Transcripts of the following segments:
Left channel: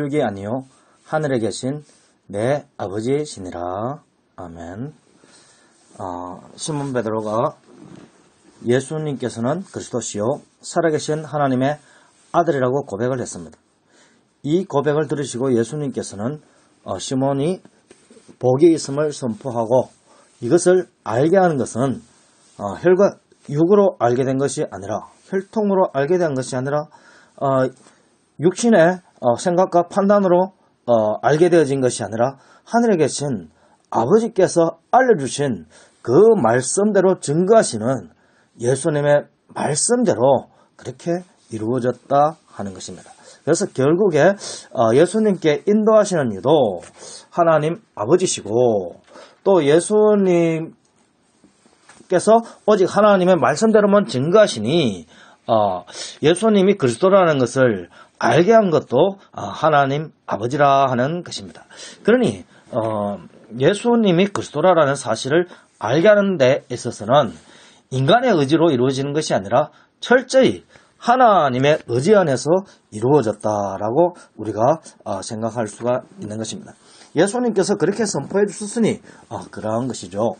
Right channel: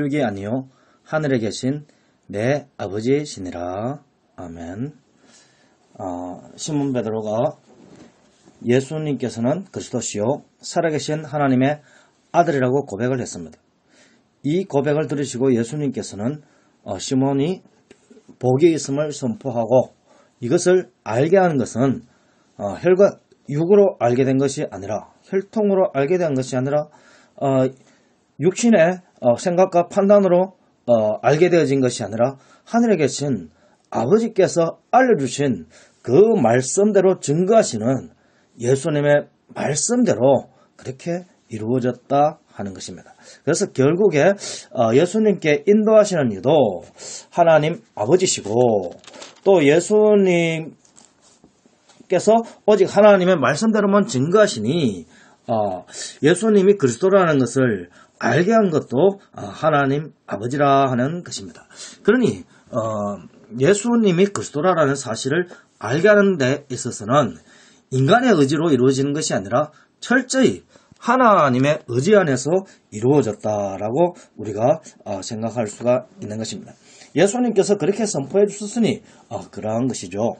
육이 아니요 하늘에 계신 내 아버지시니라. 아멘. 시몬 베드로가 예수님께서는 그리스도시요 살아계신 하나님의 아들이라고 고백을 했습니다. 이 고백을 들으시고 예수님께서는 시몬이 복이 있음을 선포하고 이것을 알게 하는 것은 혈과 육으로 알게 된 것이 아니라 혈통으로 알게 된 것이 아니라 육신의 생각과 판단으로 알게 되어진 것이 아니라 하늘에 계신 아버지께서 알려주신 그 말씀대로 증거하시는 예수님의 말씀대로 그렇게 이루어졌다 하는 것입니다. 그래서 결국에 예수님께 인도하시는 이도 하나님 아버지시고 또 예수님께서 오직 하나님의 말씀대로만 증거하시니 예수님이 그리스도라는 것을 알게 한 것도 하나님 아버지라 하는 것입니다. 그러니 예수님이 그리스도라는 사실을 알게 하는 데 있어서는 인간의 의지로 이루어지는 것이 아니라 철저히 하나님의 의지 안에서 이루어졌다라고 우리가 생각할 수가 있는 것입니다. 예수님께서 그렇게 선포해 주셨으니 그러한 것이죠.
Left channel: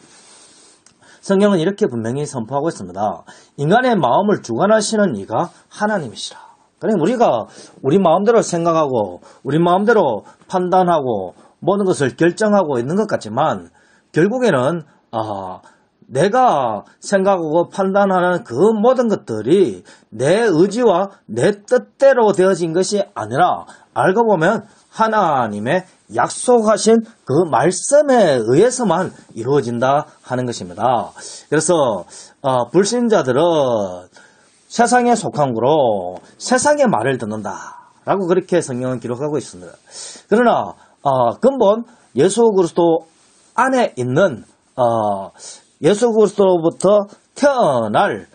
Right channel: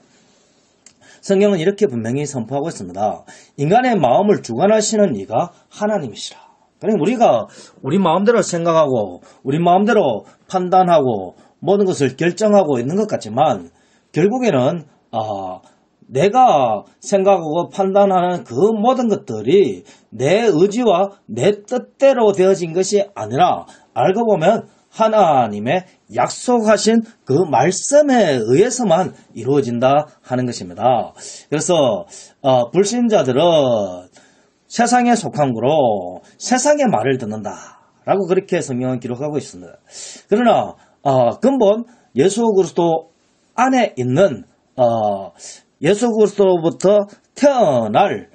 성경은 이렇게 분명히 선포하고 있습니다. 인간의 마음을 주관하시는 이가 하나님이시라. 그러니까 우리가 우리 마음대로 생각하고 우리 마음대로 판단하고 모든 것을 결정하고 있는 것 같지만 결국에는 내가 생각하고 판단하는 그 모든 것들이 내 의지와 내 뜻대로 되어진 것이 아니라 알고 보면 하나님의 약속하신 그 말씀에 의해서만 이루어진다 하는 것입니다. 그래서 불신자들은 세상에 속한 거로 세상의 말을 듣는다라고 그렇게 성경은 기록하고 있습니다. 그러나 근본 예수 그리스도 안에 있는 예수 그리스도부터 태어날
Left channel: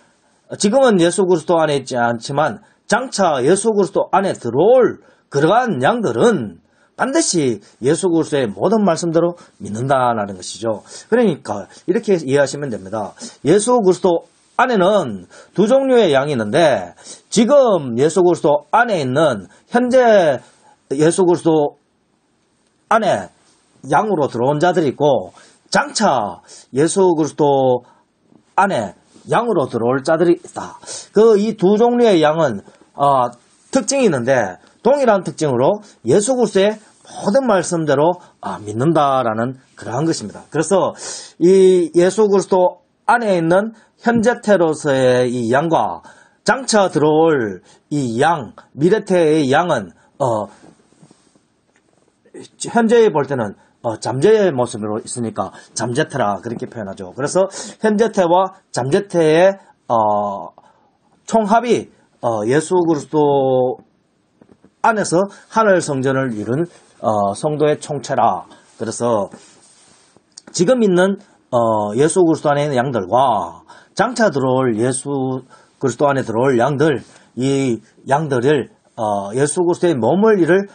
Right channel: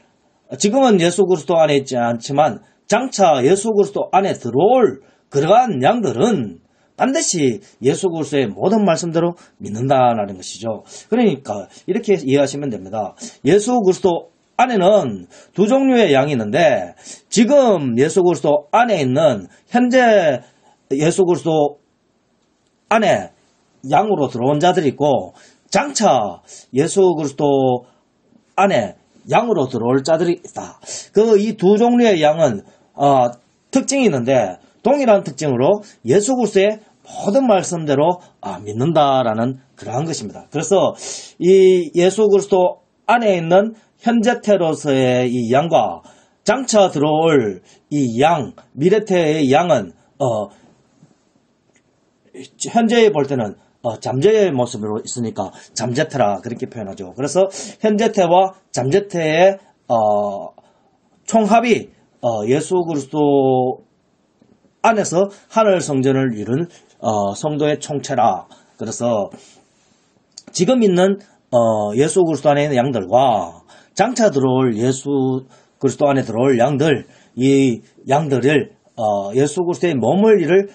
지금은 예수 그리스도 안에 있지 않지만 장차 예수 그리스도 안에 들어올 그러한 양들은 반드시 예수 그리스도의 모든 말씀대로 믿는다라는 것이죠. 그러니까 이렇게 이해하시면 됩니다. 예수 그리스도 안에는 두 종류의 양이 있는데 지금 예수 그리스도 안에 있는 현재 예수 그리스도 안에 양으로 들어온 자들이 있고 장차 예수 그리스도 안에 양으로 들어올 자들이 있다. 이 두 종류의 양은 특징이 있는데 동일한 특징으로 예수 그리스도의 모든 말씀대로 믿는다라는 그러한 것입니다. 그래서 이 예수 그리스도 안에 있는 현재태로서의 이 양과 장차 들어올 이 양, 미래태의 양은 현재에 볼 때는 잠재의 모습으로 있으니까 잠재태라 그렇게 표현하죠. 그래서 현재태와 잠재태의 총합이 예수 그리스도 안에서 하늘 성전을 이룬 성도의 총체라. 그래서 지금 있는 예수 그리스도 안에 있는 양들과 장차 들어올 예수 그리스도 안에 들어올 양들, 이 양들을 예수 그리스도의 몸을 이룰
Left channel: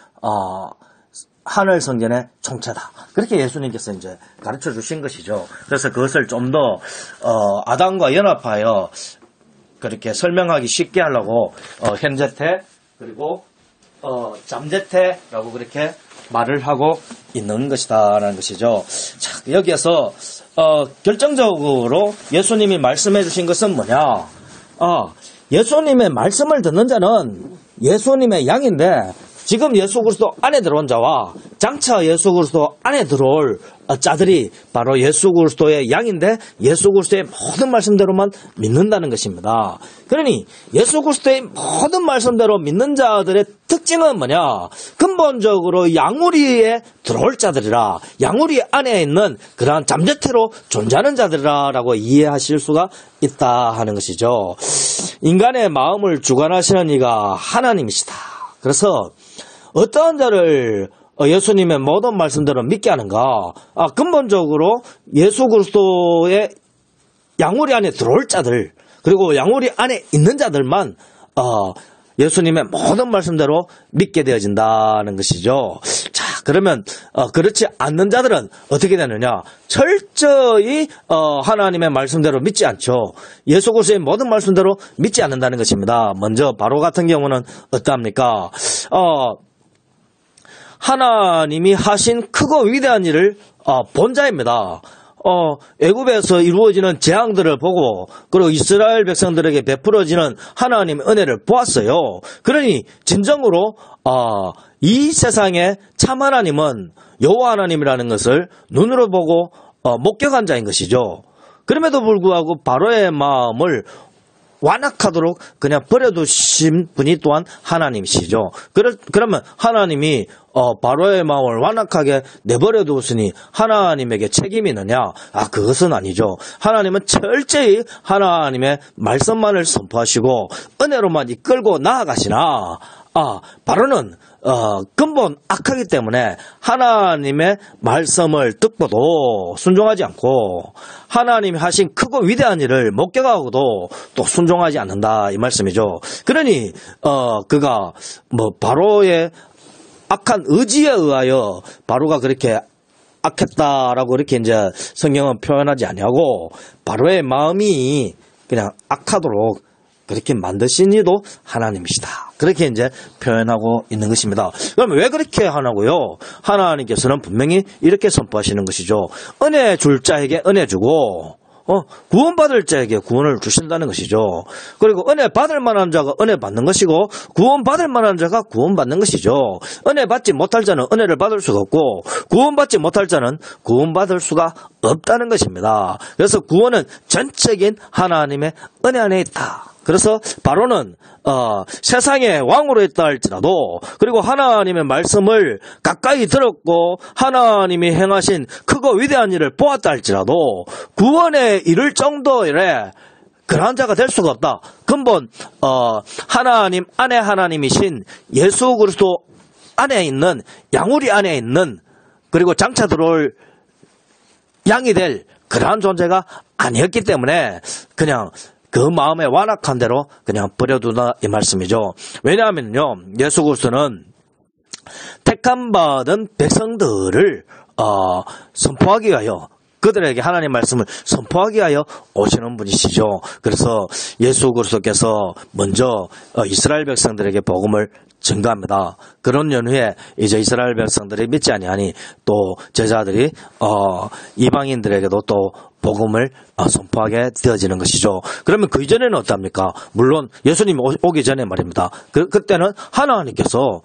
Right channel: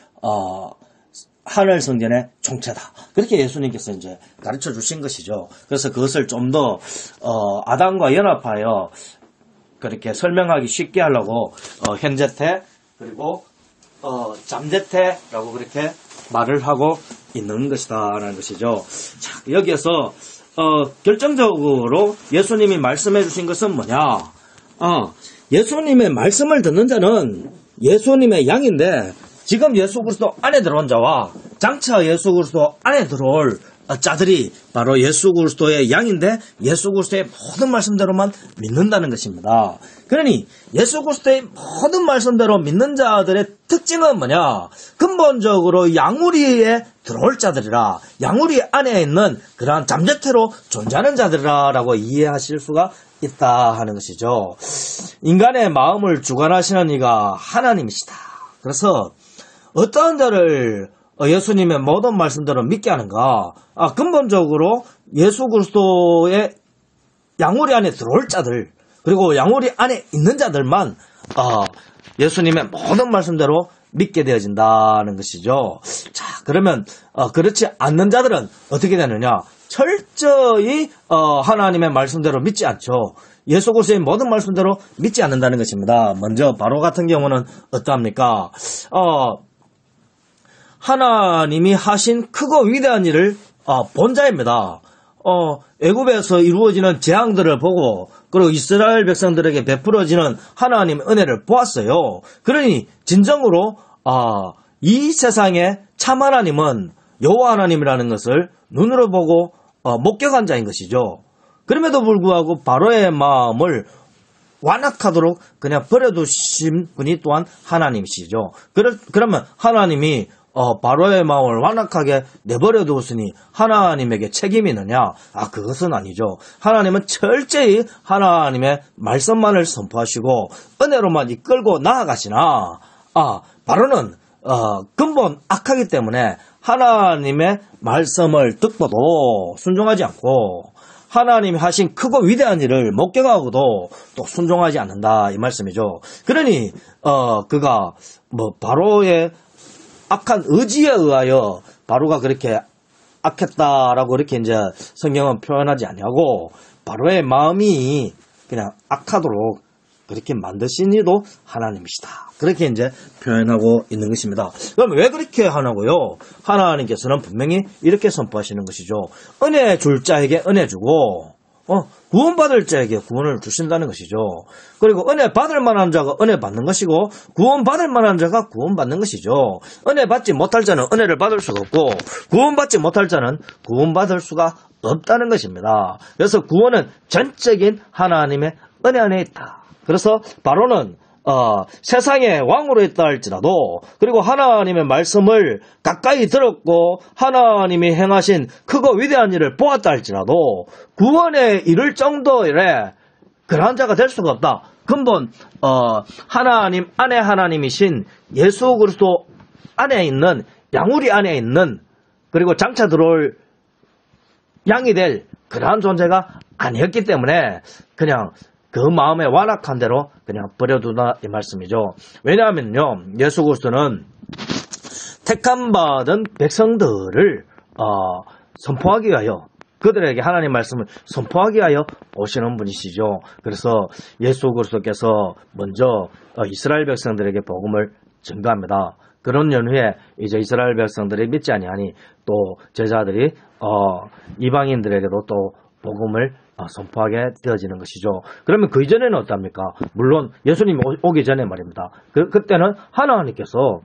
하늘 성전의 총체다. 그렇게 예수님께서 이제 가르쳐 주신 것이죠. 그래서 그것을 좀 더 아담과 연합하여 그렇게 설명하기 쉽게 하려고 현재태 그리고 잠재태라고 그렇게 말을 하고 있는 것이다라는 것이죠. 자, 여기에서 결정적으로 예수님이 말씀해 주신 것은 뭐냐? 예수님의 말씀을 듣는 자는 예수님의 양인데 지금 예수 그리스도 안에 들어온 자와 장차 예수 그리스도 안에 들어올 자들이 바로 예수 그리스도의 양인데 예수 그리스도의 모든 말씀대로만 믿는다는 것입니다. 그러니 예수 그리스도의 모든 말씀대로 믿는 자들의 특징은 뭐냐? 근본적으로 양우리에 들어올 자들이라, 양우리 안에 있는 그러한 잠재태로 존재하는 자들이라고 이해하실 수가 있다 하는 것이죠. 인간의 마음을 주관하시는 이가 하나님이시다. 그래서 어떠한 자를 예수님의 모든 말씀대로 믿게 하는가? 근본적으로 예수 그리스도의 양우리 안에 들어올 자들, 그리고 양우리 안에 있는 자들만 예수님의 모든 말씀대로 믿게 되어진다는 것이죠. 자, 그러면 그렇지 않는 자들은 어떻게 되느냐? 철저히 하나님의 말씀대로 믿지 않죠. 예수 그리스도의 모든 말씀대로 믿지 않는다는 것입니다. 먼저 바로 같은 경우는 어떠합니까? 하나님이 하신 크고 위대한 일을 본 자입니다. 애굽에서 이루어지는 재앙들을 보고 그리고 이스라엘 백성들에게 베풀어지는 하나님의 은혜를 보았어요. 그러니 진정으로 이 세상의 참 하나님은 여호와 하나님이라는 것을 눈으로 보고 목격한 자인 것이죠. 그럼에도 불구하고 바로의 마음을 완악하도록 그냥 버려두신 분이 또한 하나님이시죠. 그러면 하나님이 바로의 마음을 완악하게 내버려 두었으니 하나님에게 책임이 있느냐? 그것은 아니죠. 하나님은 철저히 하나님의 말씀만을 선포하시고 은혜로만 이끌고 나아가시나 바로는 근본 악하기 때문에 하나님의 말씀을 듣고도 순종하지 않고 하나님이 하신 크고 위대한 일을 목격하고도 또 순종하지 않는다 이 말씀이죠. 그러니 그가 바로의 악한 의지에 의하여 바로가 그렇게 악했다라고 이렇게 이제 성경은 표현하지 아니하고 바로의 마음이 그냥 악하도록 그렇게 만드신 이도 하나님이시다. 그렇게 이제 표현하고 있는 것입니다. 그럼 왜 그렇게 하나고요? 하나님께서는 분명히 이렇게 선포하시는 것이죠. 은혜 줄 자에게 은혜 주고 구원받을 자에게 구원을 주신다는 것이죠. 그리고 은혜 받을 만한 자가 은혜 받는 것이고 구원받을 만한 자가 구원받는 것이죠. 은혜 받지 못할 자는 은혜를 받을 수가 없고 구원받지 못할 자는 구원받을 수가 없다는 것입니다. 그래서 구원은 전적인 하나님의 은혜 안에 있다. 그래서 바로는 세상의 왕으로 있다 할지라도 그리고 하나님의 말씀을 가까이 들었고 하나님이 행하신 크고 위대한 일을 보았다 할지라도 구원에 이를 정도의 그러한 자가 될 수가 없다. 근본 하나님 안에 하나님이신 예수 그리스도 안에 있는 양우리 안에 있는 그리고 장차 들어올 양이 될 그러한 존재가 아니었기 때문에 그냥 그 마음에 완악한 대로 그냥 버려두다 이 말씀이죠. 왜냐하면요, 예수 그리스도는 택함 받은 백성들을 선포하기 위하여 그들에게 하나님 말씀을 선포하기 위하여 오시는 분이시죠. 그래서 예수 그리스도께서 먼저 이스라엘 백성들에게 복음을 증거합니다. 그런 연후에 이제 이스라엘 백성들이 믿지 아니하니 또 제자들이 이방인들에게도 또 복음을 선포하게 되어지는 것이죠. 그러면 그 이전에는 어떻습니까? 물론 예수님 오기 전에 말입니다. 그때는 하나님께서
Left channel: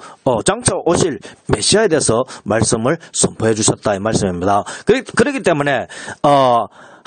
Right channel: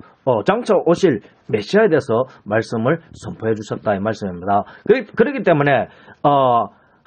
장차 오실 메시아에 대해서 말씀을 선포해 주셨다 이 말씀입니다. 그렇기 때문에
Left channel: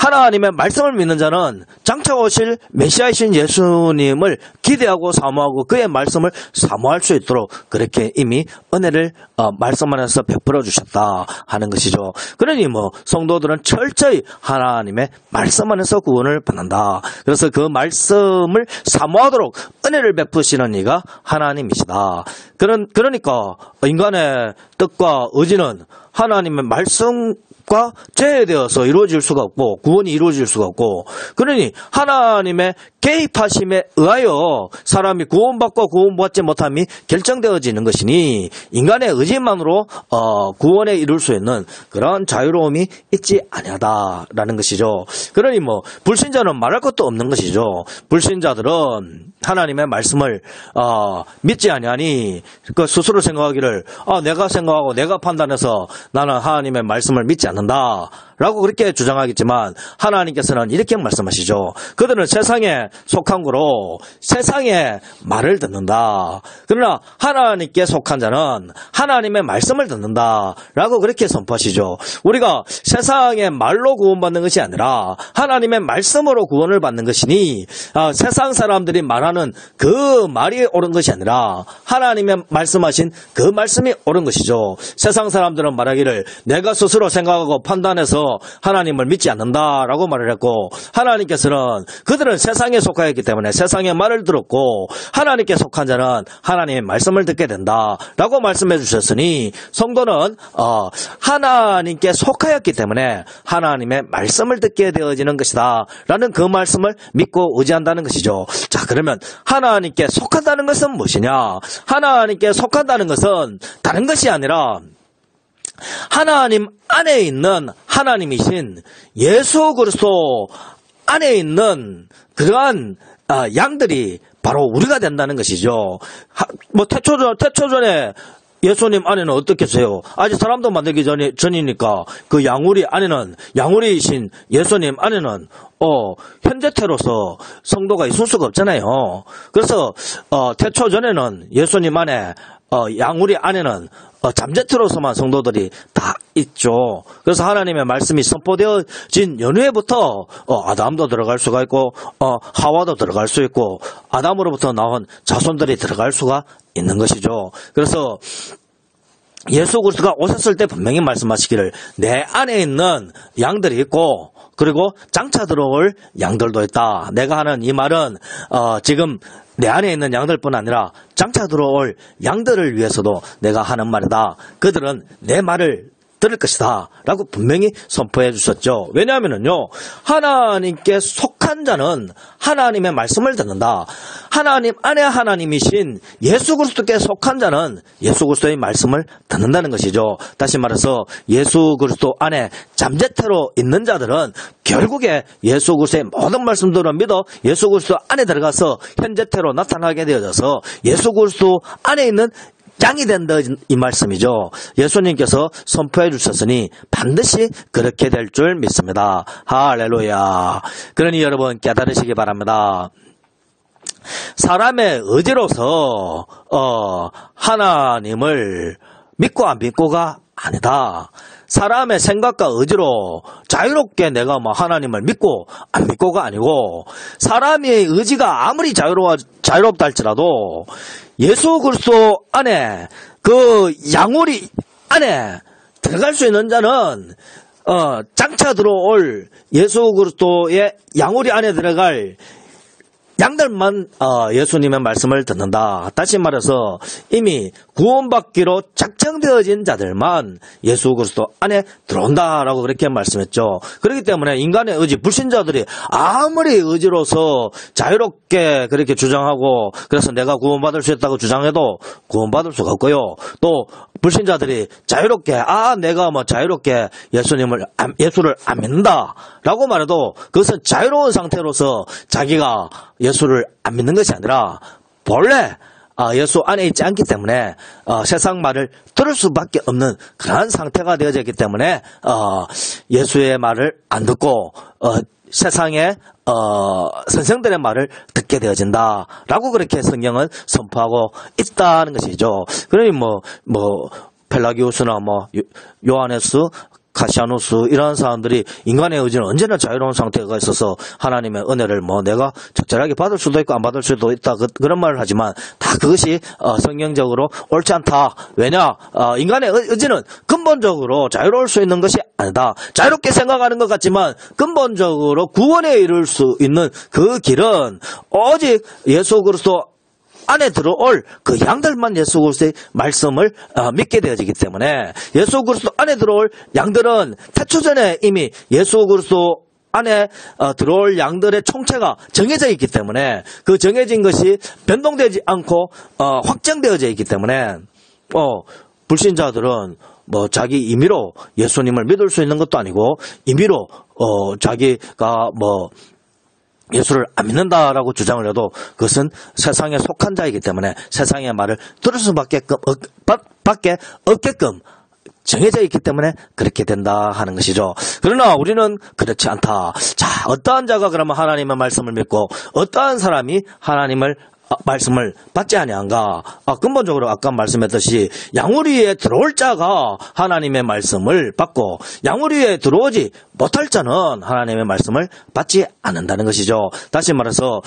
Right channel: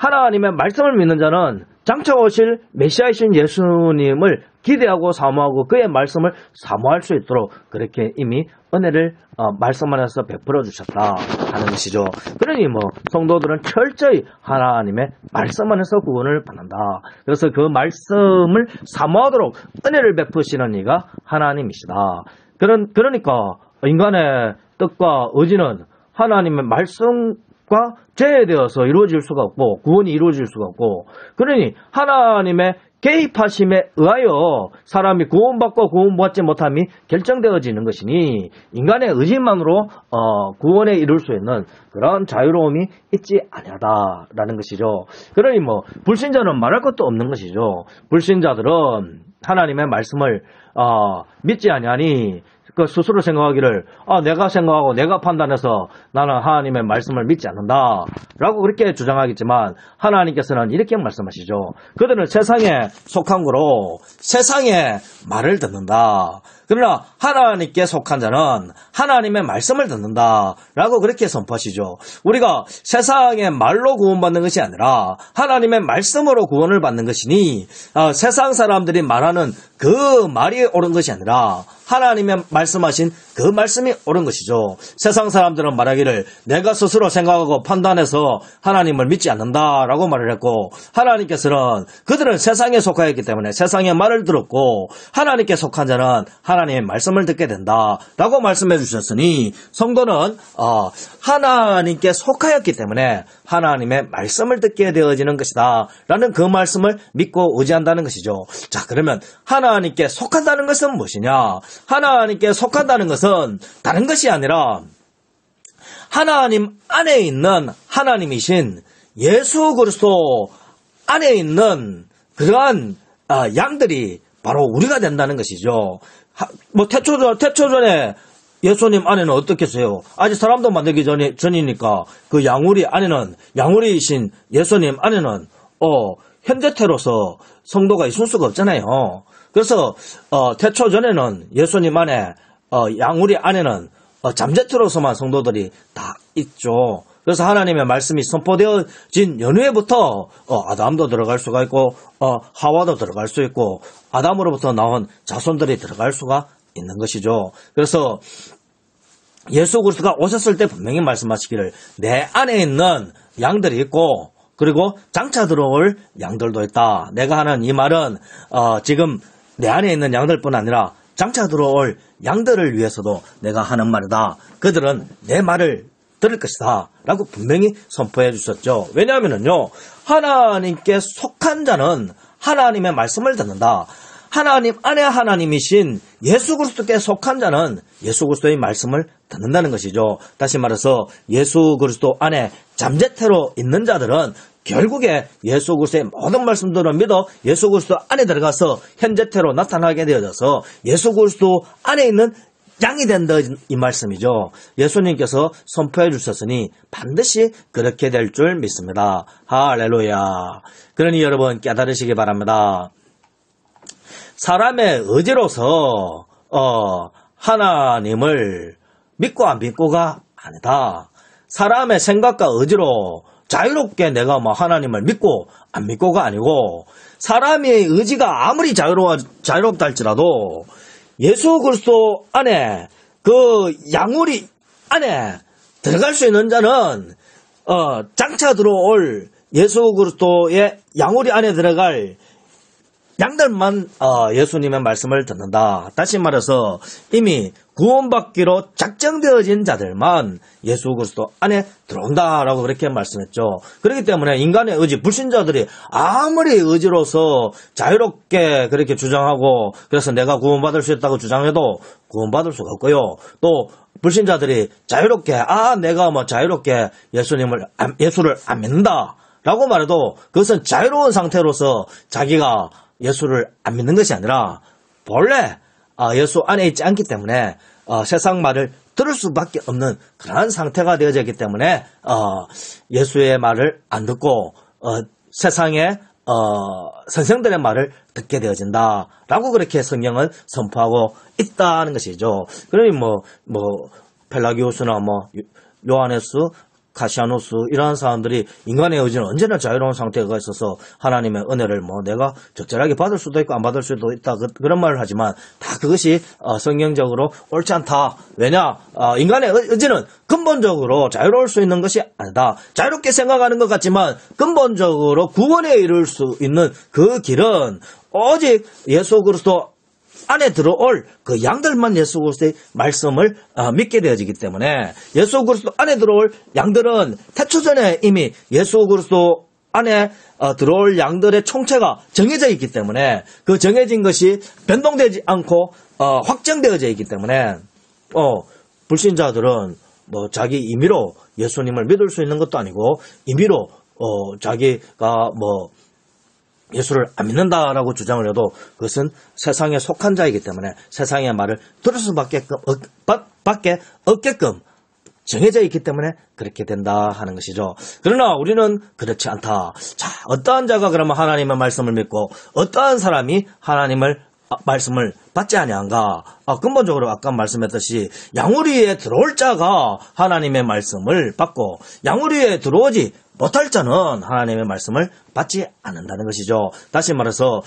하나님의 말씀을 믿는 자는 장차 오실 메시아이신 예수님을 기대하고 사모하고 그의 말씀을 사모할 수 있도록 그렇게 이미 은혜를 말씀 안에서 베풀어 주셨다 하는 것이죠. 그러니 성도들은 철저히 하나님의 말씀 안에서 구원을 받는다. 그래서 그 말씀을 사모하도록 은혜를 베푸시는 이가 하나님이시다. 그러니까 인간의 뜻과 의지는 하나님의 말씀과 제외되어서 이루어질 수가 없고 구원이 이루어질 수가 없고 그러니 하나님의 개입하심에 의하여 사람이 구원받고 구원받지 못함이 결정되어지는 것이니 인간의 의지만으로 구원에 이룰 수 있는 그런 자유로움이 있지 아니하다라는 것이죠. 그러니 불신자는 말할 것도 없는 것이죠. 불신자들은 하나님의 말씀을 믿지 아니하니 그 스스로 생각하기를 내가 생각하고 내가 판단해서 나는 하나님의 말씀을 믿지 않는다 라고 그렇게 주장하겠지만 하나님께서는 이렇게 말씀하시죠. 그들은 세상에 속한 거로 세상의 말을 듣는다. 그러나 하나님께 속한 자는 하나님의 말씀을 듣는다 라고 그렇게 선포하시죠. 우리가 세상의 말로 구원받는 것이 아니라 하나님의 말씀으로 구원을 받는 것이니 세상 사람들이 말하는 그 말이 옳은 것이 아니라 하나님의 말씀하신 그 말씀이 옳은 것이죠. 세상 사람들은 말하기를 내가 스스로 생각하고 판단해서 하나님을 믿지 않는다라고 말을 했고 하나님께서는 그들은 세상에 속하였기 때문에 세상의 말을 들었고 하나님께 속한 자는 하나님의 말씀을 듣게 된다라고 말씀해 주셨으니 성도는 하나님께 속하였기 때문에 하나님의 말씀을 듣게 되어지는 것이다 라는 그 말씀을 믿고 의지한다는 것이죠. 자, 그러면 하나님께 속한다는 것은 무엇이냐? 하나님께 속한다는 것은 다른 것이 아니라 하나님 안에 있는 하나님이신 예수 그리스도 안에 있는 그러한 양들이 바로 우리가 된다는 것이죠. 태초전에 예수님 안에는 어떻겠어요? 아직 사람도 만들기 전이니까 그 양우리이신 예수님 안에는 현재태로서 성도가 있을 수가 없잖아요. 그래서 태초 전에는 예수님 안에 양우리 안에는 잠재태로서만 성도들이 다 있죠. 그래서 하나님의 말씀이 선포되어진 연후에부터 아담도 들어갈 수가 있고 하와도 들어갈 수 있고 아담으로부터 나온 자손들이 들어갈 수가 있는 것이죠. 그래서 예수 그리스도가 오셨을 때 분명히 말씀하시기를 내 안에 있는 양들이 있고 그리고 장차 들어올 양들도 있다. 내가 하는 이 말은 지금 내 안에 있는 양들뿐 아니라 장차 들어올 양들을 위해서도 내가 하는 말이다. 그들은 내 말을 들을 것이다 라고 분명히 선포해 주셨죠. 왜냐하면요 하나님께 속한 자는 하나님의 말씀을 듣는다. 하나님 안에 하나님이신 예수 그리스도께 속한 자는 예수 그리스도의 말씀을 듣는다는 것이죠. 다시 말해서 예수 그리스도 안에 잠재태로 있는 자들은 결국에 예수 그리스도의 모든 말씀들을 믿어 예수 그리스도 안에 들어가서 현재태로 나타나게 되어져서 예수 그리스도 안에 있는 양이 된다 이 말씀이죠. 예수님께서 선포해 주셨으니 반드시 그렇게 될 줄 믿습니다. 할렐루야. 그러니 여러분 깨달으시기 바랍니다. 사람의 의지로서 하나님을 믿고 안 믿고가 아니다. 사람의 생각과 의지로 자유롭게 내가 하나님을 믿고 안 믿고가 아니고 사람의 의지가 아무리 자유롭다 할지라도 예수 그리스도 안에 그 양우리 안에 들어갈 수 있는 자는 장차 들어올 예수 그리스도의 양우리 안에 들어갈 양들만 예수님의 말씀을 듣는다. 다시 말해서 이미 구원받기로 작정되어진 자들만 예수 그리스도 안에 들어온다라고 그렇게 말씀했죠. 그렇기 때문에 인간의 의지, 불신자들이 아무리 의지로서 자유롭게 그렇게 주장하고 그래서 내가 구원받을 수 있다고 주장해도 구원받을 수가 없고요. 또 불신자들이 자유롭게 내가 자유롭게 예수를 안 믿는다 라고 말해도 그것은 자유로운 상태로서 자기가 예수를 안 믿는 것이 아니라 본래 예수 안에 있지 않기 때문에 세상 말을 들을 수밖에 없는 그러한 상태가 되어져 있기 때문에 예수의 말을 안 듣고 세상의 선생들의 말을 듣게 되어진다라고 그렇게 성경은 선포하고 있다는 것이죠. 그러니 펠라기우스나 요하네스 카시아누스 이런 사람들이 인간의 의지는 언제나 자유로운 상태가 있어서 하나님의 은혜를 내가 적절하게 받을 수도 있고 안 받을 수도 있다 그런 말을 하지만 다 그것이 성경적으로 옳지 않다. 왜냐 인간의 의지는 근본적으로 자유로울 수 있는 것이 아니다. 자유롭게 생각하는 것 같지만 근본적으로 구원에 이를 수 있는 그 길은 오직 예수 그리스도 안에 들어올 그 양들만 예수 그리스도의 말씀을 믿게 되어지기 때문에 예수 그리스도 안에 들어올 양들은 태초 전에 이미 예수 그리스도 안에 들어올 양들의 총체가 정해져 있기 때문에 그 정해진 것이 변동되지 않고 확정되어져 있기 때문에 불신자들은 자기 임의로 예수님을 믿을 수 있는 것도 아니고 임의로 자기가 예수를 안 믿는다라고 주장을 해도 그것은 세상에 속한 자이기 때문에 세상의 말을 들을 수밖에 없게끔 정해져 있기 때문에 그렇게 된다 하는 것이죠. 그러나 우리는 그렇지 않다. 자, 어떠한 자가 그러면 하나님의 말씀을 믿고 어떠한 사람이 하나님의 말씀을 받지 아니한가? 근본적으로 아까 말씀했듯이 양우리에 들어올 자가 하나님의 말씀을 받고 양우리에 들어오지 못할 자는 하나님의 말씀을 받지 않는다는 것이죠. 다시 말해서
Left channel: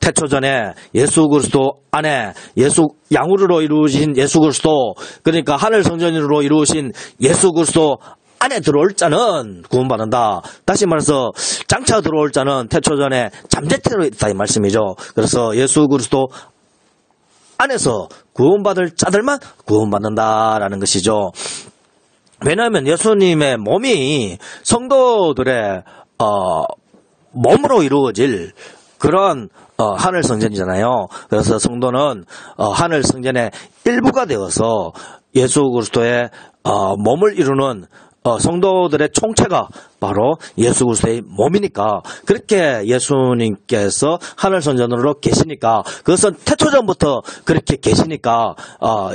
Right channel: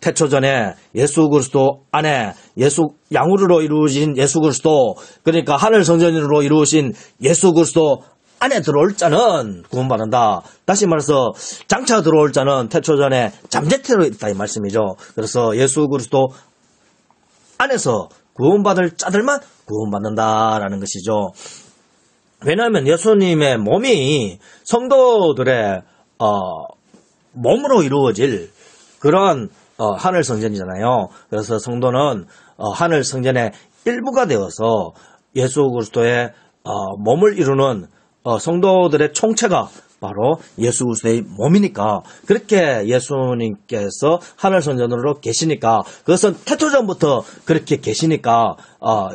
태초전에 예수 그리스도 안에 양우리로 이루어진 예수 그리스도 그러니까 하늘 성전으로 이루어진 예수 그리스도 안에 들어올 자는 구원받는다. 다시 말해서 장차 들어올 자는 태초전에 잠재태로 있다 이 말씀이죠. 그래서 예수 그리스도 안에서 구원받을 자들만 구원받는다라는 것이죠. 왜냐하면 예수님의 몸이 성도들의 몸으로 이루어질 그런 하늘 성전이잖아요. 그래서 성도는 하늘 성전의 일부가 되어서 예수 그리스도의 몸을 이루는 성도들의 총체가 바로 예수 그리스도의 몸이니까, 그렇게 예수님께서 하늘 성전으로 계시니까, 그것은 태초전부터 그렇게 계시니까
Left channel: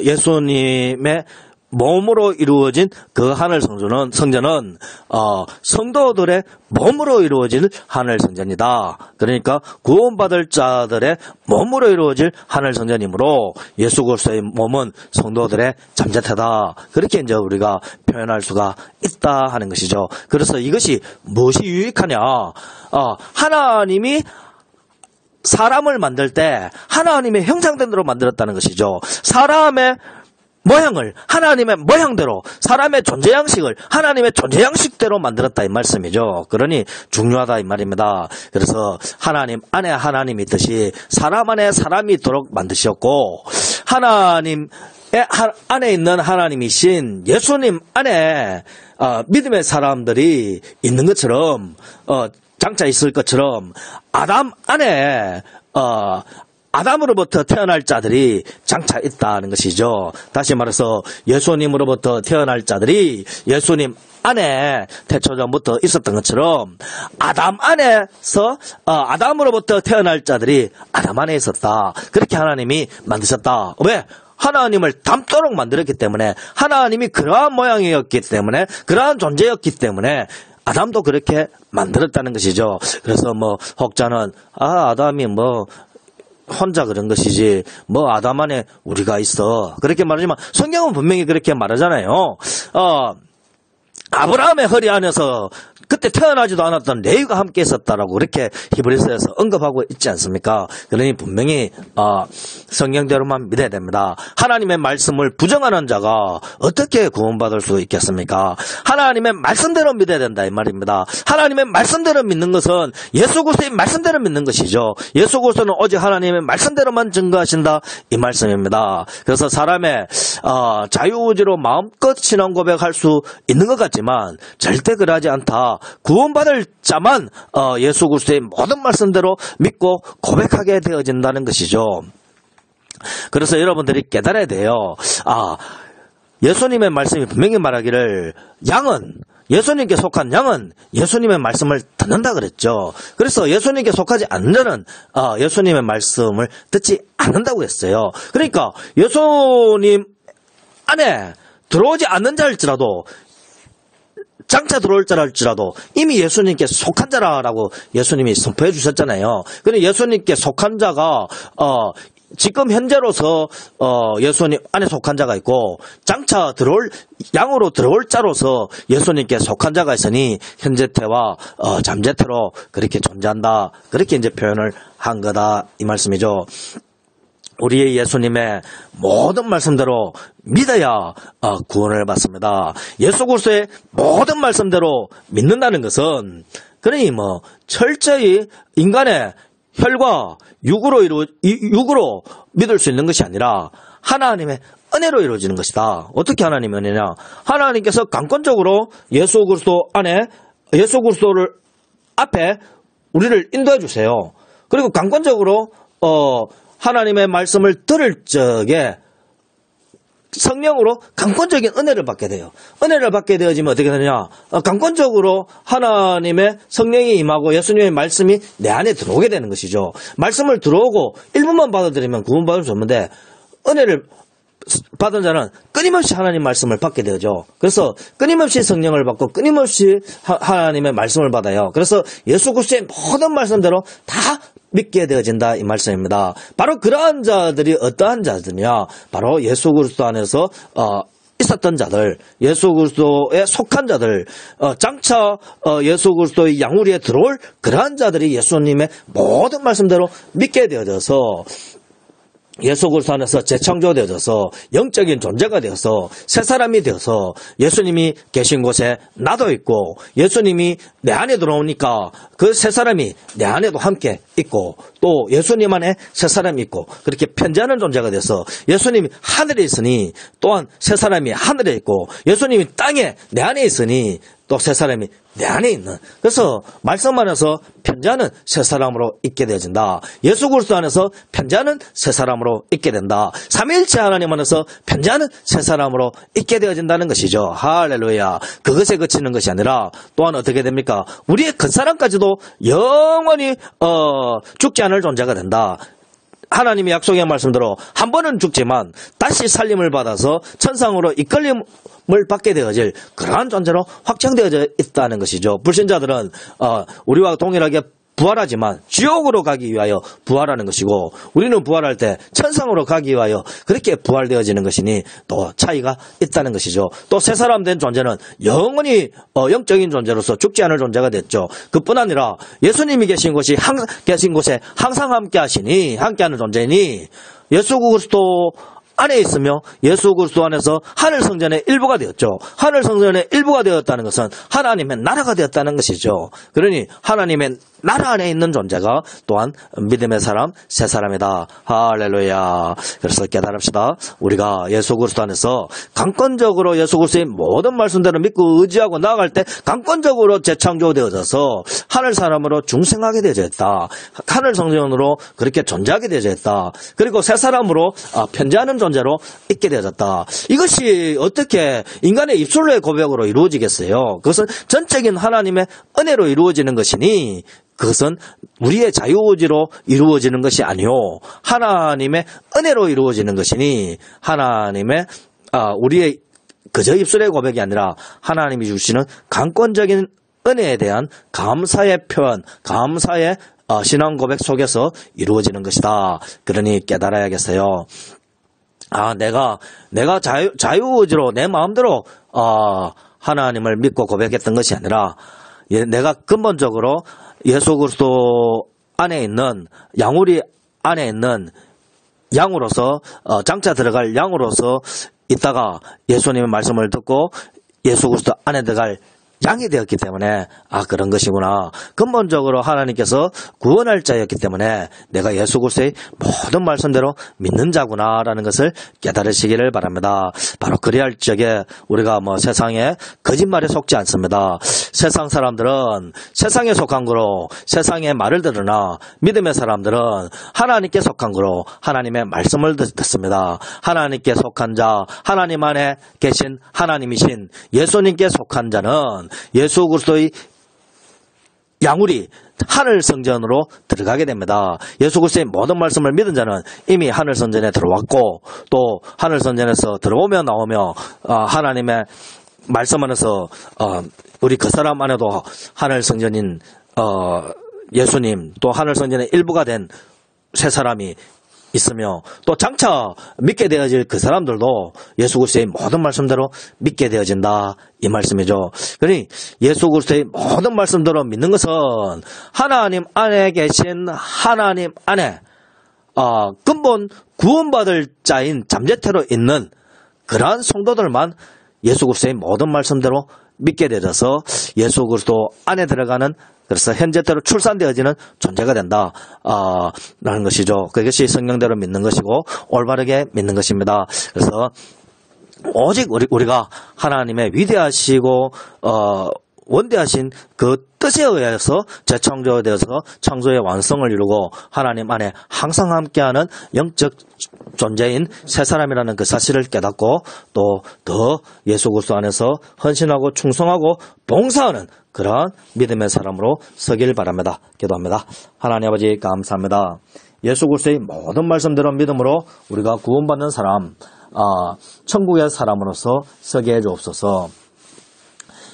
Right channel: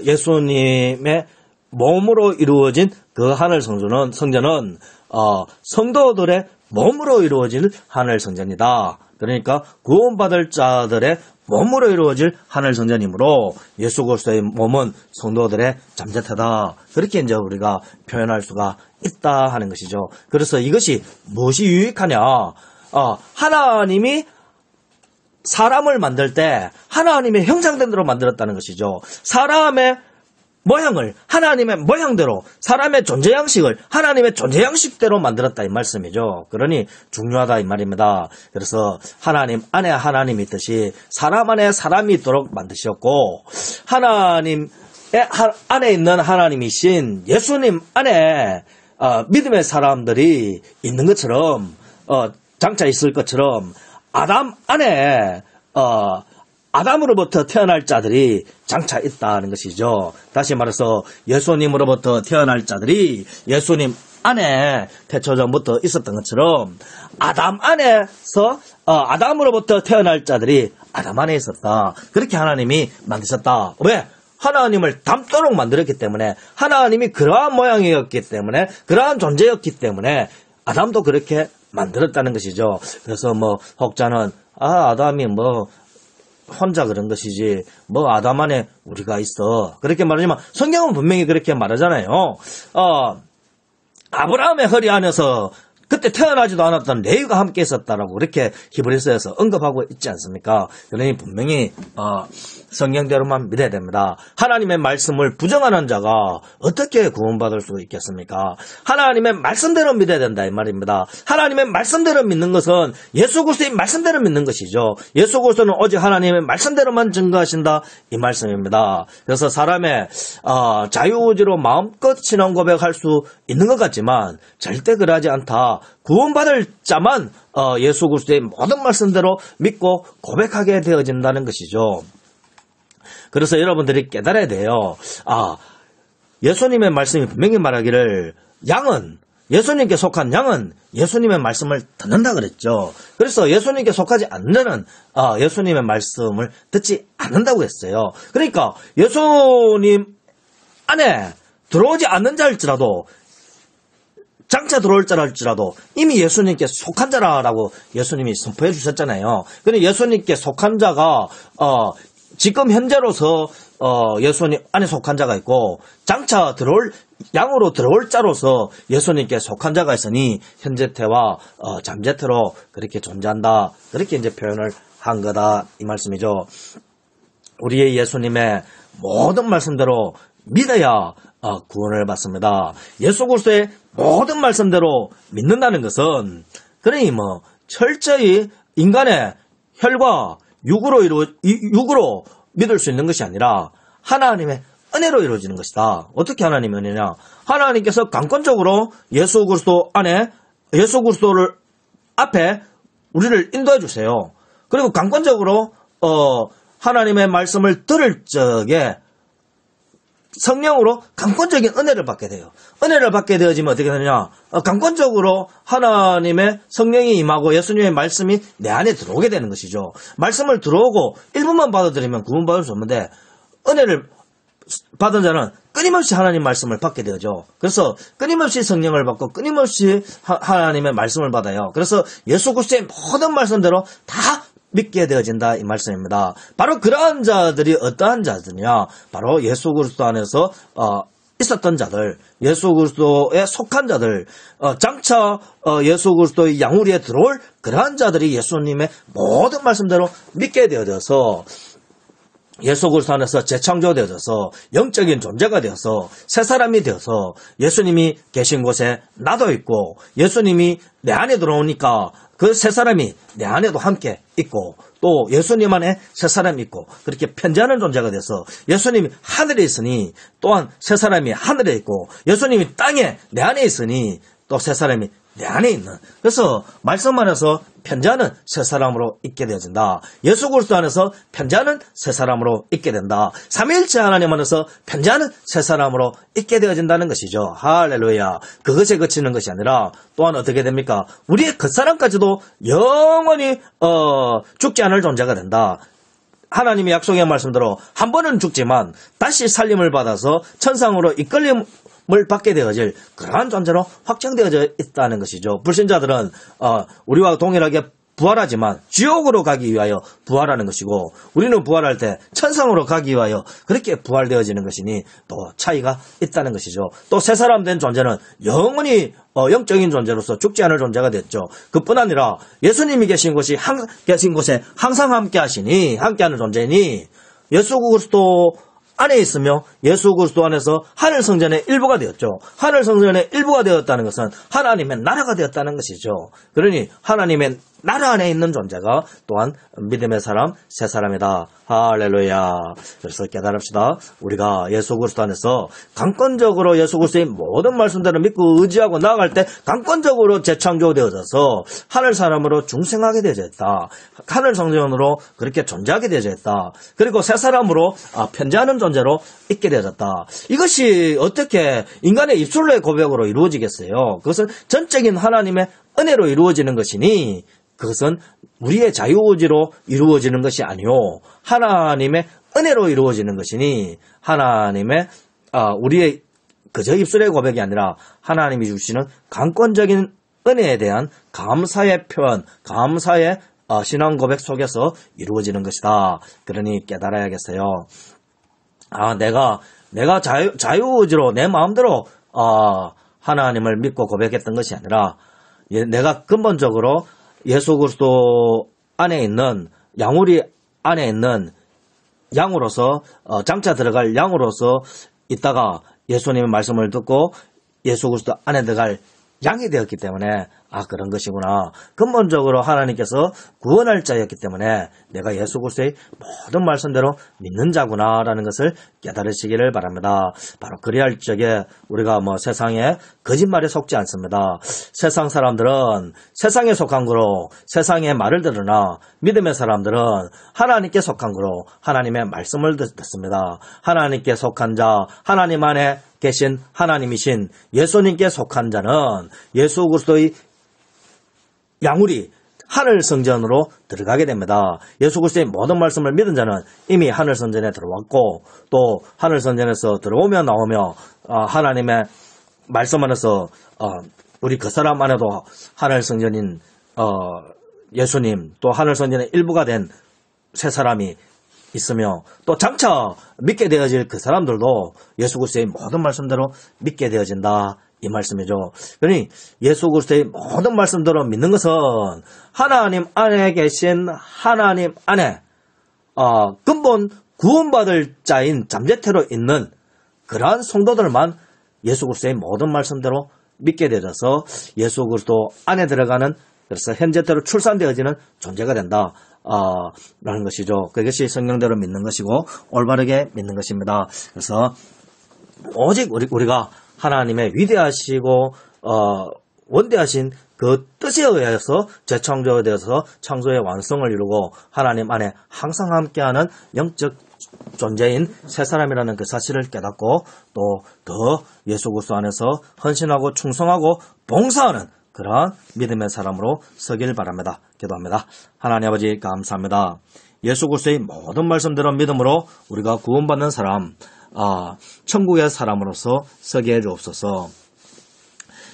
예수님의 몸으로 이루어진 그 하늘 성전은 성도들의 몸으로 이루어질 하늘 성전이다. 그러니까 구원받을 자들의 몸으로 이루어질 하늘 성전이므로 예수 그리스도의 몸은 성도들의 잠재태다. 그렇게 이제 우리가 표현할 수가 있다 하는 것이죠. 그래서 이것이 무엇이 유익하냐? 하나님이 사람을 만들 때 하나님의 형상대로 만들었다는 것이죠. 사람의 모양을 하나님의 모양대로, 사람의 존재 양식을 하나님의 존재 양식대로 만들었다 이 말씀이죠. 그러니 중요하다 이 말입니다. 그래서 하나님 안에 하나님이 있듯이 사람 안에 사람이 있도록 만드셨고, 하나님 안에 있는 하나님이신 예수님 안에 믿음의 사람들이 있는 것처럼, 장차 있을 것처럼 아담 안에 아담으로부터 태어날 자들이 장차 있다는 것이죠. 다시 말해서 예수님으로부터 태어날 자들이 예수님 안에 태초전부터 있었던 것처럼 아담 안에서 아담으로부터 태어날 자들이 아담 안에 있었다. 그렇게 하나님이 만드셨다. 왜? 하나님을 닮도록 만들었기 때문에, 하나님이 그러한 모양이었기 때문에, 그러한 존재였기 때문에 아담도 그렇게 만들었다는 것이죠. 그래서 혹자는 아담이 혼자 그런 것이지 아담 안에 우리가 있어, 그렇게 말하지만 성경은 분명히 그렇게 말하잖아요. 아브라함의 허리 안에서 그때 태어나지도 않았던 레위가 함께 있었다라고 그렇게 히브리서에서 언급하고 있지 않습니까? 그러니 분명히 성경대로만 믿어야 됩니다. 하나님의 말씀을 부정하는 자가 어떻게 구원받을 수 있겠습니까? 하나님의 말씀대로 믿어야 된다 이 말입니다. 하나님의 말씀대로 믿는 것은 예수 그리스도의 말씀대로 믿는 것이죠. 예수 그리스도는 오직 하나님의 말씀대로만 증거하신다 이 말씀입니다. 그래서 사람의 자유의지로 마음껏 신앙 고백할 수 있는 것 같지만 절대 그러하지 않다. 구원받을 자만 예수 그리스도의 모든 말씀대로 믿고 고백하게 되어진다는 것이죠. 그래서 여러분들이 깨달아야 돼요. 예수님의 말씀이 분명히 말하기를 예수님께 속한 양은 예수님의 말씀을 듣는다 그랬죠. 그래서 예수님께 속하지 않는 자는 예수님의 말씀을 듣지 않는다고 했어요. 그러니까 예수님 안에 들어오지 않는 자일지라도, 장차 들어올 자랄지라도 이미 예수님께 속한 자라고 예수님이 선포해 주셨잖아요. 그런데 예수님께 속한 자가 지금 현재로서 예수님 안에 속한 자가 있고, 장차 양으로 들어올 자로서 예수님께 속한 자가 있으니 현재태와 잠재태로 그렇게 존재한다. 그렇게 이제 표현을 한 거다 이 말씀이죠. 우리의 예수님의 모든 말씀대로 믿어야 구원을 받습니다. 예수 그리스도의 모든 말씀대로 믿는다는 것은, 그러니 철저히 인간의 혈과 육으로 믿을 수 있는 것이 아니라 하나님의 은혜로 이루어지는 것이다. 어떻게 하나님의 은혜냐? 하나님께서 강권적으로 예수 그리스도를 앞에 우리를 인도해 주세요. 그리고 강권적으로 하나님의 말씀을 들을 적에 성령으로 강권적인 은혜를 받게 돼요. 은혜를 받게 되어지면 어떻게 되느냐? 강권적으로 하나님의 성령이 임하고 예수님의 말씀이 내 안에 들어오게 되는 것이죠. 말씀을 들어오고 일부만 받아들이면 구원받을 수 없는데, 은혜를 받은 자는 끊임없이 하나님 말씀을 받게 되죠. 그래서 끊임없이 성령을 받고 끊임없이 하나님의 말씀을 받아요. 그래서 예수 그리스도의 모든 말씀대로 다 믿게 되어진다 이 말씀입니다. 바로 그러한 자들이 어떠한 자들이냐? 바로 예수 그리스도 안에서 있었던 자들, 예수 그리스도에 속한 자들, 장차 예수 그리스도의 양우리에 들어올 그러한 자들이 예수님의 모든 말씀대로 믿게 되어져서 예수 그리스도 안에서 재창조되어져서 영적인 존재가 되어서 새 사람이 되어서 예수님이 계신 곳에 나도 있고, 예수님이 내 안에 들어오니까 그 새 사람이 내 안에도 함께 있고, 또 예수님 안에 새 사람이 있고, 그렇게 편지하는 존재가 돼서 예수님이 하늘에 있으니 또한 새 사람이 하늘에 있고, 예수님이 땅에 내 안에 있으니 또 새 사람이 내 안에 있는. 그래서 말씀 안에서 편지하는 새 사람으로 있게 되어진다. 예수 그리스도 안에서 편지하는 새 사람으로 있게 된다. 삼위일체 하나님 안에서 편지하는 새 사람으로 있게 되어진다는 것이죠. 할렐루야. 그것에 그치는 것이 아니라 또한 어떻게 됩니까? 우리의 겉사람까지도 영원히 죽지 않을 존재가 된다. 하나님의 약속의 말씀대로 한 번은 죽지만 다시 살림을 받아서 천상으로 이끌림을 받게 되어질 그러한 존재로 확정되어져 있다는 것이죠. 불신자들은 우리와 동일하게 부활하지만 지옥으로 가기 위하여 부활하는 것이고, 우리는 부활할 때 천상으로 가기 위하여 그렇게 부활되어지는 것이니 또 차이가 있다는 것이죠. 또 새 사람 된 존재는 영원히 영적인 존재로서 죽지 않을 존재가 됐죠. 그뿐 아니라 예수님이 계신 곳에 항상 함께 하시니, 함께하는 존재니, 예수 그리스도 안에 있으며 예수 그리스도 안에서 하늘 성전의 일부가 되었죠. 하늘 성전의 일부가 되었다는 것은 하나님의 나라가 되었다는 것이죠. 그러니 하나님의 나라 안에 있는 존재가 또한 믿음의 사람, 새 사람이다. 할렐루야. 그래서 깨달읍시다. 우리가 예수 그리스도 안에서 강권적으로 예수 그리스도의 모든 말씀대로 믿고 의지하고 나아갈 때 강권적으로 재창조되어져서 하늘 사람으로 중생하게 되어져 있다. 하늘 성전으로 그렇게 존재하게 되어져 있다. 그리고 새 사람으로 편지하는 존재로 있게 되어졌다. 이것이 어떻게 인간의 입술로의 고백으로 이루어지겠어요? 그것은 전적인 하나님의 은혜로 이루어지는 것이니, 그것은 우리의 자유의지로 이루어지는 것이 아니요, 하나님의 은혜로 이루어지는 것이니, 하나님의 우리의 그저 입술의 고백이 아니라 하나님이 주시는 강권적인 은혜에 대한 감사의 표현, 감사의 신앙 고백 속에서 이루어지는 것이다. 그러니 깨달아야겠어요. 내가 자유의지로 내 마음대로 하나님을 믿고 고백했던 것이 아니라, 내가 근본적으로 예수 그리스도 안에 있는, 양우리 안에 있는 양으로서, 장차 들어갈 양으로서 있다가 예수님의 말씀을 듣고 예수 그리스도 안에 들어갈 양이 되었기 때문에 그런 것이구나. 근본적으로 하나님께서 구원할 자였기 때문에 내가 예수 그리스도의 모든 말씀대로 믿는 자구나라는 것을 깨달으시기를 바랍니다. 바로 그리할 적에 우리가 세상에 거짓말에 속지 않습니다. 세상 사람들은 세상에 속한 거로 세상의 말을 들으나, 믿음의 사람들은 하나님께 속한 거로 하나님의 말씀을 듣습니다. 하나님께 속한 자, 하나님 안에 계신 하나님이신 예수님께 속한 자는 예수 그리스도의 양우리 하늘 성전으로 들어가게 됩니다. 예수 그리스도의 모든 말씀을 믿은 자는 이미 하늘 성전에 들어왔고, 또 하늘 성전에서 들어오며 나오며 하나님의 말씀 안에서 우리 그 사람 안에도 하늘 성전인 예수님, 또 하늘 성전의 일부가 된 새 사람이 있으며, 또 장차 믿게 되어질 그 사람들도 예수 그리스도의 모든 말씀대로 믿게 되어진다, 이 말씀이죠. 그러니 예수 그리스도의 모든 말씀대로 믿는 것은 하나님 안에 계신 하나님 안에 근본 구원받을 자인 잠재태로 있는 그러한 성도들만 예수 그리스도의 모든 말씀대로 믿게 되어서 예수 그리스도 안에 들어가는, 그래서 현재대로 출산되어지는 존재가 된다 라는 것이죠. 그것이 성경대로 믿는 것이고 올바르게 믿는 것입니다. 그래서 오직 우리가 하나님의 위대하시고 원대하신 그 뜻에 의해서 재창조되어서 창조의 완성을 이루고 하나님 안에 항상 함께하는 영적 존재인 새 사람이라는 그 사실을 깨닫고, 또 더 예수 그리스도 안에서 헌신하고 충성하고 봉사하는 그러한 믿음의 사람으로 서길 바랍니다. 기도합니다. 하나님 아버지 감사합니다. 예수 그리스도의 모든 말씀대로 믿음으로 우리가 구원받는 사람, 천국의 사람으로서 서게 해주옵소서.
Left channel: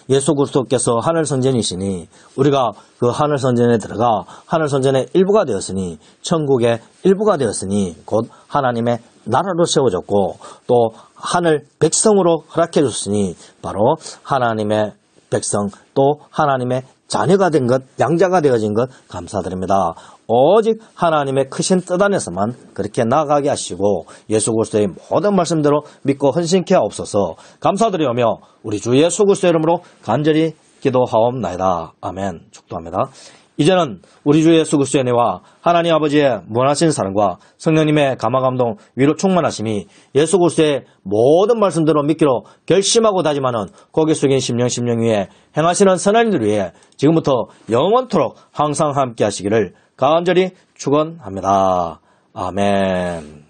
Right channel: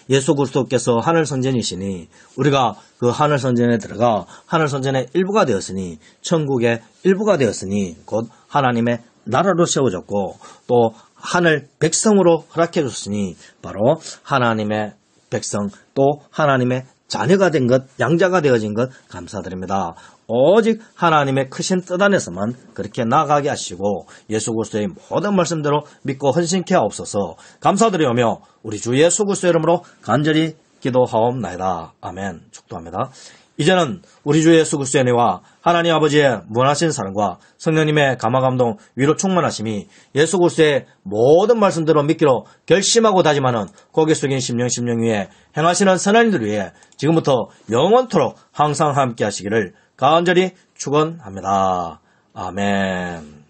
예수 그리스도께서 하늘 선전이시니 우리가 그 하늘 선전에 들어가 하늘 선전의 일부가 되었으니, 천국의 일부가 되었으니, 곧 하나님의 나라로 세워졌고 또 하늘 백성으로 허락해 줬으니 바로 하나님의 백성, 또 하나님의 자녀가 된 것, 양자가 되어진 것 감사드립니다. 오직 하나님의 크신 뜻 안에서만 그렇게 나아가게 하시고 예수 그리스도의 모든 말씀대로 믿고 헌신케 하옵소서. 감사드리오며 우리 주 예수 그리스도 이름으로 간절히 기도하옵나이다. 아멘. 축도합니다. 이제는 우리 주 예수 그리스도의 은혜와 하나님 아버지의 무한하신 사랑과 성령님의 감화감동 위로 충만하심이 예수 그리스도의 모든 말씀대로 믿기로 결심하고 다짐하는 고개 숙인 심령 위에 행하시는 선한 이들 위해 지금부터 영원토록 항상 함께 하시기를 간절히 축원합니다. 아멘.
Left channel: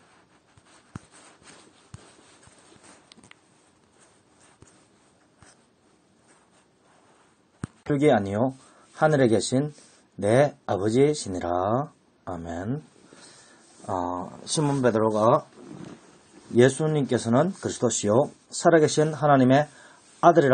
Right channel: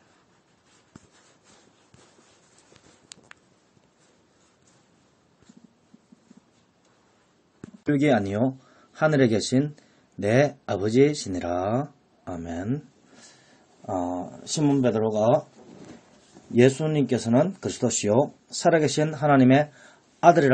흙이 아니요 하늘에 계신 내 아버지시니라. 아멘. 시몬 베드로가 예수님께서는 그리스도시요 살아계신 하나님의 아들이라고